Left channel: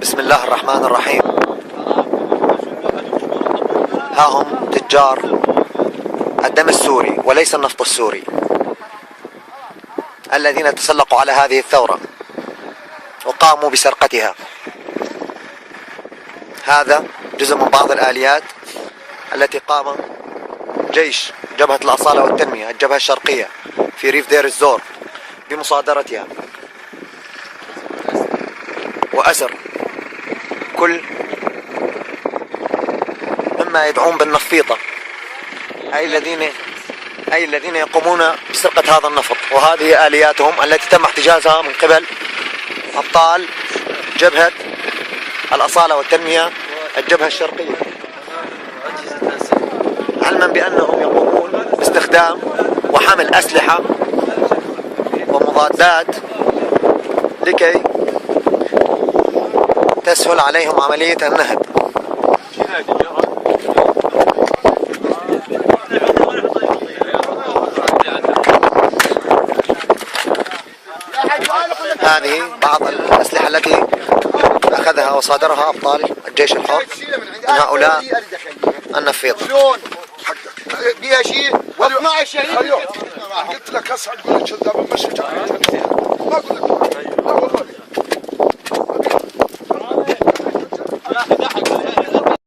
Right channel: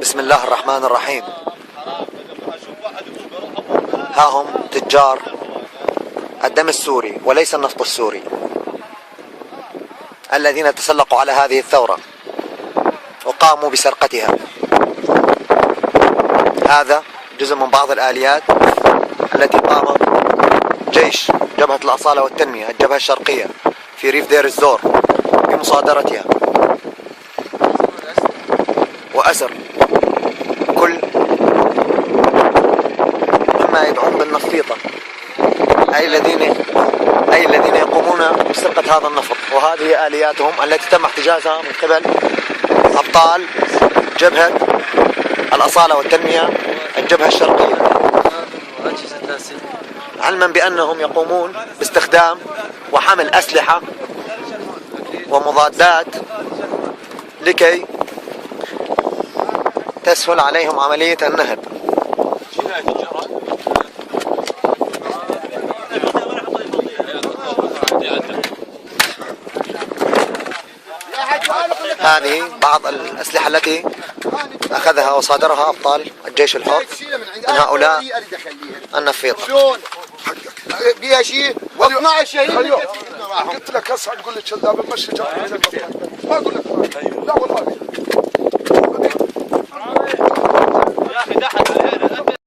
بسم الله الرحمن الرحيم. ها هم تجار الدم السوري وليس النفط السوري الذين تسلقوا على هذه الثورة وقاموا بسرقتها. هذا جزء من بعض الآليات التي قام جيش جبهة الأصالة والتنمية الجبهة الشرقية في ريف دير الزور بمصادرتها وأسر كل مما يدعون بالنفيطة، أي الذين يقومون بسرقة هذا النفط. وهذه آلياتهم التي تم احتجازها من قبل أبطال جبهة الأصالة والتنمية الجبهة الشرقية، علما بأنهم يقومون باستخدام وحمل أسلحة ومضادات لكي تسهل عليهم عملية النهب. هذه بعض الأسلحة التي أخذها وصادرها أبطال الجيش الحر من هؤلاء النفيطة. بيها شيء واقنع الشهيد. قلت لك هسه اقول لك شذاب مشي ما قلنا لا والله يا اخي